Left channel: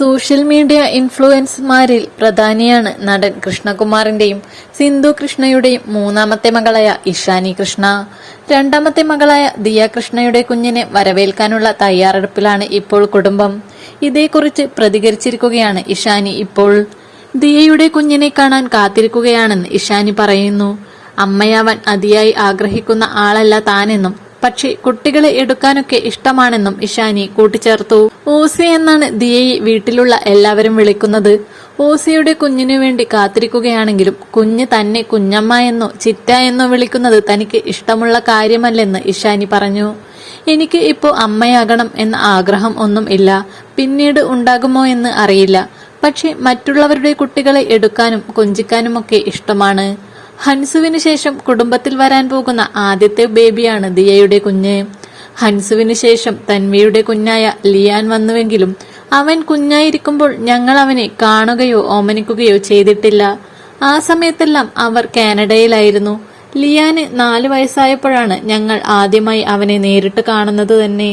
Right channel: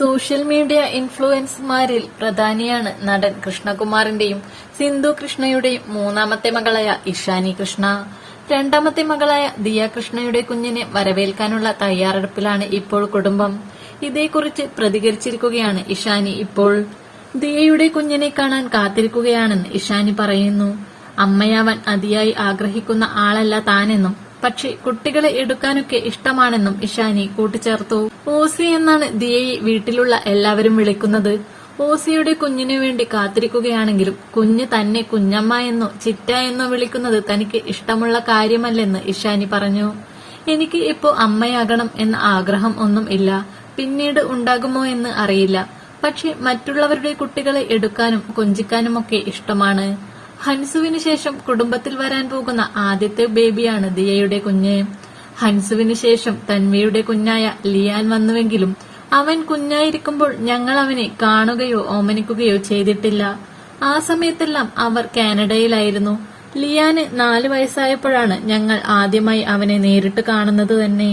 Social media ഇൻഫ്ലുവൻസർമാരിൽ പ്രധാനിയാണ് നടൻ കൃഷ്ണകുമാറിന്റെയും സിന്ധു കൃഷ്ണയുടെയും മൂന്നാമത്തെ മകളായ ഇഷാനി കൃഷ്ണ. രണ്ടാമത്തെ മകളായ ദിയ കൃഷ്ണയുടെ കുഞ്ഞിനെ വരവേൽക്കാനുള്ള തയ്യാറെടുപ്പിലാണ് ഇപ്പോൾ കുടുംബം. ഇതേക്കുറിച്ച് പ്രതികരിച്ചിരിക്കുകയാണ് ഇഷാനി ഇപ്പോൾ. ദിയയുടെ കുഞ്ഞിനെ കാണാൻ കാത്തിരിക്കുകയാണെന്ന് ഇഷാനി പറയുന്നു. അമ്മയാവാൻ അതിയായി ആഗ്രഹിക്കുന്ന ആളല്ല താനെന്നും പക്ഷേ കുട്ടികളെ എടുക്കാനൊക്കെ ഇഷ്ടമാണെന്നും ഇഷാനി കൂട്ടിച്ചേർത്തു. ഓസി എന്നാണ് ദിയയെ വീട്ടിലുള്ള എല്ലാവരും വിളിക്കുന്നത്. ഓസിയുടെ കുഞ്ഞിനു വേണ്ടി കാത്തിരിക്കുകയാണെങ്കിലും കുഞ്ഞ് തന്നെ കുഞ്ഞമ്മ എന്നോ ചിറ്റ എന്നോ വിളിക്കുന്നത് തനിക്ക് ഇഷ്ടമുള്ള കാര്യമല്ലെന്ന് ഇഷാനി പറഞ്ഞു. എനിക്ക് ഇപ്പോ അമ്മയാകണം എന്ന ആഗ്രഹം ഒന്നും ഇല്ല. പിന്നീട് ഉണ്ടാകുമോ എന്ന് അറിയില്ല. പക്ഷെ മറ്റുള്ളവരുടെ കുട്ടികളെ എടുക്കാനും കൊഞ്ചിക്കാനുമൊക്കെ ഇഷ്ടമാണ്. ഹൻസുവിന് ശേഷം കുടുംബത്തിൽ വരാൻ പോകുന്ന ആദ്യത്തെ ബേബിയാണ് ദിയയുടെ കുഞ്ഞ്. ഹൻസുവിന് ശേഷം തൻവിയുടെ കുഞ്ഞായ ലിയാൻ വന്നുവെങ്കിലും അവൻ കുഞ്ഞായിരിക്കുമ്പോൾ ഞങ്ങൾ അവനെ കാണുകയോ ഓമനിക്കുകയോ ചെയ്തിട്ടില്ല. ആ സമയത്തെല്ലാം അവർ കാനഡയിലായിരുന്നു. ലിയാന് നാല് വയസ്സായപ്പോഴാണ് ഞങ്ങൾ ആദ്യമായി അവനെ നേരിട്ട് കാണുന്നത് തന്നെ.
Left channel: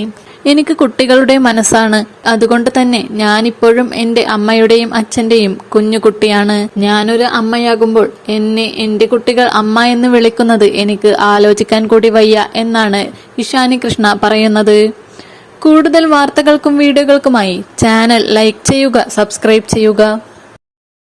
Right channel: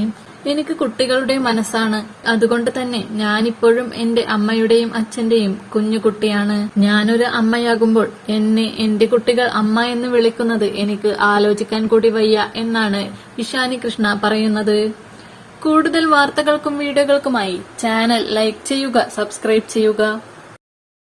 എനിക്ക് കുട്ടികളുടെ മനസ്സാണ്. അതുകൊണ്ട് തന്നെ ഞാനിപ്പോഴും എന്റെ അമ്മയുടെയും അച്ഛന്റെയും കുഞ്ഞു കുട്ടിയാണ്. ഞാനൊരു അമ്മയാകുമ്പോൾ എന്നെ എന്റെ കുട്ടികൾ അമ്മ എന്ന് വിളിക്കുന്നത് എനിക്ക് ആലോചിക്കാൻ കൂടി വയ്യ എന്നാണ് ഇഷാനി കൃഷ്ണ പറയുന്നത്. കൂടുതൽ വാർത്തകൾക്കും വീഡിയോകൾക്കുമായി ചാനൽ ലൈക്ക് ചെയ്യുക സബ്സ്ക്രൈബ് ചെയ്യുക.